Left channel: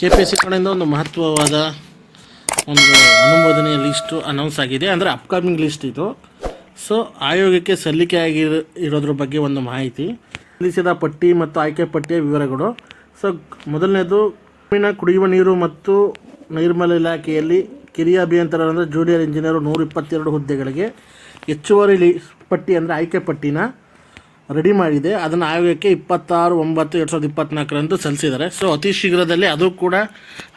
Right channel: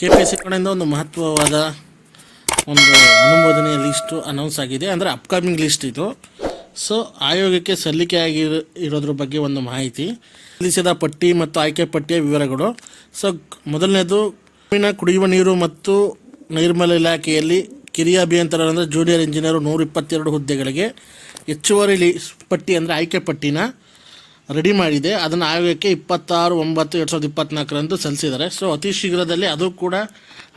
KPSC ಕಡೆಯಿಂದ ಒಂದು ಮಹತ್ವವಾದ ಒಂದು ಅನುಮೋದನೆಯ ಲಿಸ್ಟು ಅನೌನ್ಸ್ ಆಗಿದೆ. ಅಂದರೆ ಅಪ್ಕಮಿಂಗ್ ಲಿಸ್ಟ್ ಇದು. ಸೊ ಆಯೋಗಕ್ಕೆ ಇರೋದ್ರ ಬಗ್ಗೆ ಒಂದು ಮಾಹಿತಿ, ಸಲ್ಲಿಸಿದ ಪಟ್ಟಿ ಮತ್ತು ಆಯ್ಕೆ ಪಟ್ಟಿಯ ವಿವರಗಳು. ಸೊ ಮೊದಲನೇದು, ಗ್ರಾಮೀಣ ಕುಡಿಯುವ ನೀರು ಮತ್ತು ನೈರ್ಮಲ್ಯ ಇಲಾಖೆಯಲ್ಲಿ ಕಿರಿಯ ಅಭಿಯಂತರ ಅಂದರೆ ಜೂನಿಯರ್ ಇಂಜಿನಿಯರು 122 ಹುದ್ದೆಗಳಿಗೆ ಹೆಚ್ಚುವರಿ ಪಟ್ಟಿ ಅಂದರೆ ಆಯ್ಕೆ ಪಟ್ಟಿನ ರೆಡಿ ಮಾಡಿದೆ. ಅದನ್ನು ಆಯೋಗಕ್ಕೆ 26/9/2024 ಸಲ್ಲಿಸಿದ್ದಾರೆ. ಸೊ ಅತಿ ಶೀಘ್ರದಲ್ಲಿ ಅದು ಕೂಡ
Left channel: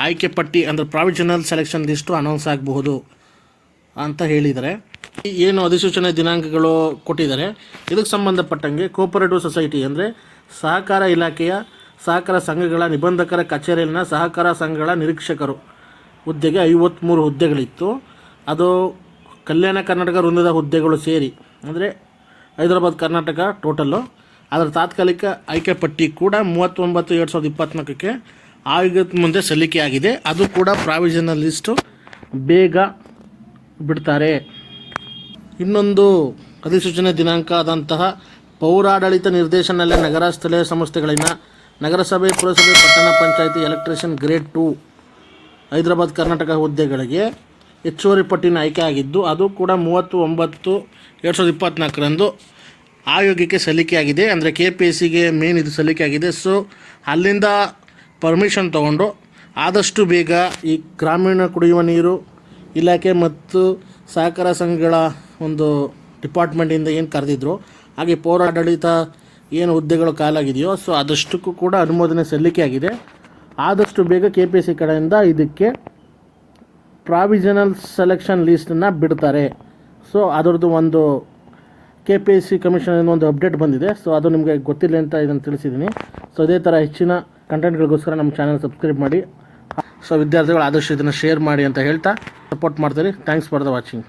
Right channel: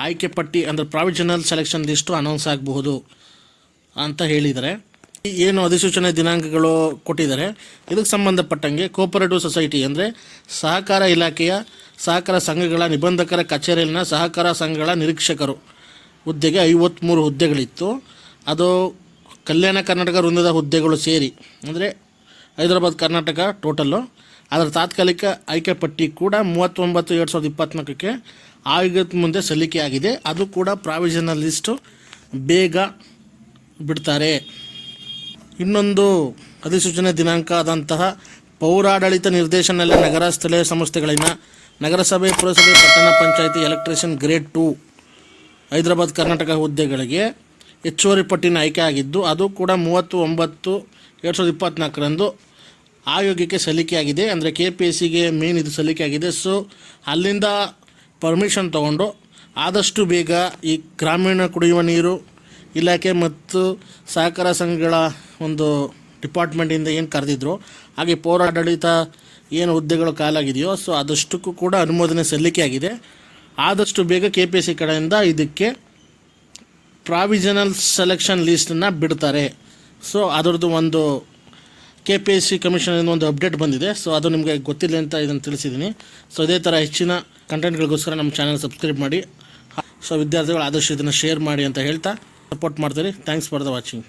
ಆಯ್ಕೆ ಪಟ್ಟಿ ಅಂದರೆ ಪ್ರಾವಿಷನಲ್ ಸೆಲೆಕ್ಷನ್ ಲಿಸ್ಟು ಅನೌನ್ಸ್ ಆಗಬಹುದು ಅಂತ ಹೇಳಿದ್ದಾರೆ. ಏನು ಅಧಿಸೂಚನೆ ದಿನಾಂಕಗಳು ಕೊಟ್ಟಿದ್ದಾರೆ, ಇದಕ್ಕೆ ಸಂಬಂಧಪಟ್ಟಂಗೆ ಕೋಪರೇಟಿವ್ ಸೊಸೈಟಿ ಅಂದರೆ ಸಹಕಾರ ಇಲಾಖೆಯ ಸಹಕಾರ ಸಂಘಗಳ ನಿಬಂಧಕರ ಕಚೇರಿಯಲ್ಲಿನ ಸಹಕಾರ ಸಂಘಗಳ ನಿರೀಕ್ಷಕರು ಹುದ್ದೆಗೆ 53 ಹುದ್ದೆಗಳಿತ್ತು. ಅದು ಕಲ್ಯಾಣ ಕರ್ನಾಟಕ ವೃಂದದ ಹುದ್ದೆಗಳು ಸೇರಿ ಅಂದರೆ ಹೈದರಾಬಾದ್ ಕರ್ನಾಟಕ ಟೋಟಲ್ಲು. ಅದರ ತಾತ್ಕಾಲಿಕ ಆಯ್ಕೆ ಪಟ್ಟಿ ಕೂಡ 39/2024 ಆಯೋಗದ ಮುಂದೆ ಸಲ್ಲಿಕೆಯಾಗಿದೆ. ಅದು ಕೂಡ ಪ್ರಾವಿಷನಲ್ ಲಿಸ್ಟು ಬೇಗ ಬಿಡ್ತಾರೆ. ಇನ್ನೊಂದು ಅಧಿಸೂಚನೆ ದಿನಾಂಕ ಆದಂತಹ ಪೌರಾಡಳಿತ ನಿರ್ದೇಶನದಲ್ಲಿ ನಗರ ಸ್ಥಳೀಯ ಸಂಸ್ಥೆಗಳಿನ ನಗರಸಭೆ, ಪುರಸಭೆ, ಪಟ್ಟಣ ಪಂಚಾಯಿತಿ ಎಲೆಕ್ಟ್ರಿಷಿಯನ್ ಗ್ರೇಡ್ 2 ಹೈದರಾಬಾದ್ ಕರ್ನಾಟಕ ಹುದ್ದೆಗಳಿಗೆ ಹೆಚ್ಚುವರಿ ಪಟ್ಟಿನ ಆಯ್ಕೆ ಆಗಿದ್ದು, ಅದು ಕೂಡ 30/9/2024 ಆಯೋಗಕ್ಕೆ ಸಲ್ಲಿಕೆಯಾಗಿದೆ. ಅಂದರೆ KPSCಗೆ ಮೇನ್ ಇದು ಸಲ್ಲಿಕೆಯಾಗಿದೆ. ಸೊ ಅಲ್ಲಿಂದ ಪರ್ಮಿಷನ್ ತೊಗೊಂಡು ಆದಷ್ಟು ಬೇಗ ಈ ಗ್ರಾಮೀಣ ಕುಡಿಯುವ ನೀರು ಇಲಾಖೆ ಮತ್ತು ಸಹಕಾರ ಸಂಘಗಳ ಒಂದು ಡಿಪಾರ್ಟ್ಮೆಂಟಿಂದ ಏನು ಕರೆದಿದ್ರು, ಹಾಗೆ ಪೌರಾಡಳಿತ ಏನು ಹುದ್ದೆಗಳು ಖಾಲಾಗಿದೆಯೋ ಸೊ ಅದಷ್ಟಕ್ಕೂ ಕೂಡ ಅನುಮೋದನೆ ಸಲ್ಲಿಕೆಯಾಗಿದೆ. ಆದಷ್ಟು ಬೇಗ KPSC ಕಡೆಯಿಂದ ಇದಕ್ಕೆ ಪ್ರಾವಿಷನಲ್ ಸೆಲೆಕ್ಷನ್ ಲಿಸ್ಟನ್ನು ಬಿಡ್ತಾರೆ. ಸೊ ಅದರದ್ದು ಒಂದು KPSC ಕಮಿಷನಿಂದ ಒಂದು ಅಪ್ಡೇಟ್ ಬಂದಿದೆ. ಸೊ ಅದು ನಿಮಗೆ ಗೊತ್ತಿಲ್ಲ ಅಂತ ಇದನ್ನು ತಿಳಿಸಿದ್ದೀನಿ. ಸೊ ಇದೇ ಥರ ಹೆಚ್ಚಿನ ಕಂಟೆಂಟ್ಗಳಿಗೋಸ್ಕರ ನಮ್ಮ ಚಾನಲ್ ಸಬ್ಸ್ಕ್ರೈಬ್ ಮಾಡಿ. ಸೊ ವಿದ್ಯಾರ್ಥಿಗಳು ಆದಷ್ಟು ಇದನ್ನು ಶೇರ್ ಮಾಡಿ ಅಂತ ಹೇಳ್ತಾ ಸಪೋರ್ಟ್ ಮಾಡ್ತೀರಿ. Thanks for the watching.